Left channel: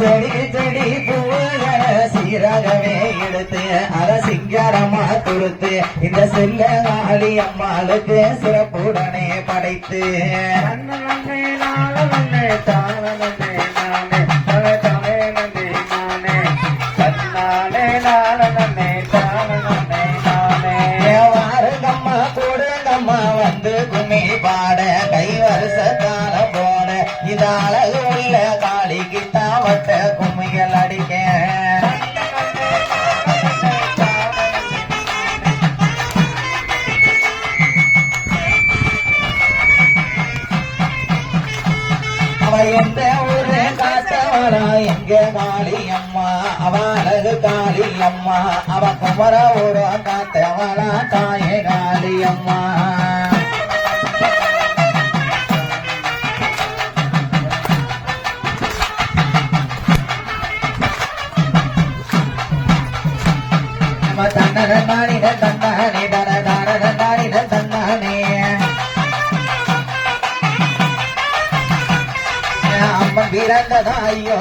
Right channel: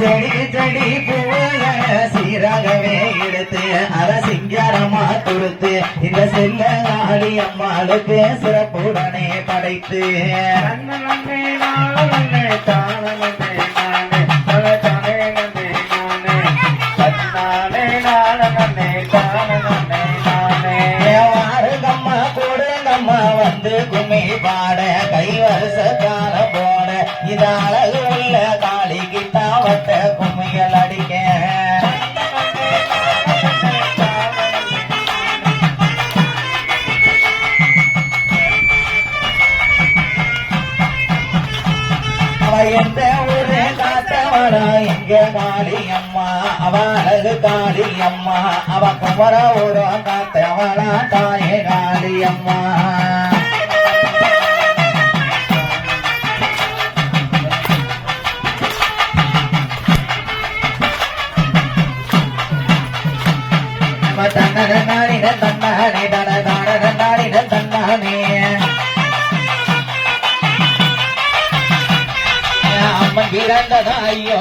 செடி செடி பூவைய சீராகவே எடுத்து அத சிங்காரமா கொடுத்து இந்த செல்ல நாடி அம்மாளுக்கு சிறப்புடனே படைத்து வந்து கும்மி பாட கை வருஷத்தால போட இது அழகு உள்ள காளிக்கு தாவத்த கும்மிகள் அடிக்க எந்த ஊரே காத்தவளா எங்க காளி அம்மா அவ அழகு காளி அம்மா அவ குமர ஊரம் காத்தவளா தாயே காளி அம்மா தன்னானே பரதானே தன்னானே அம்மன் பிறந்ததா ஐயோ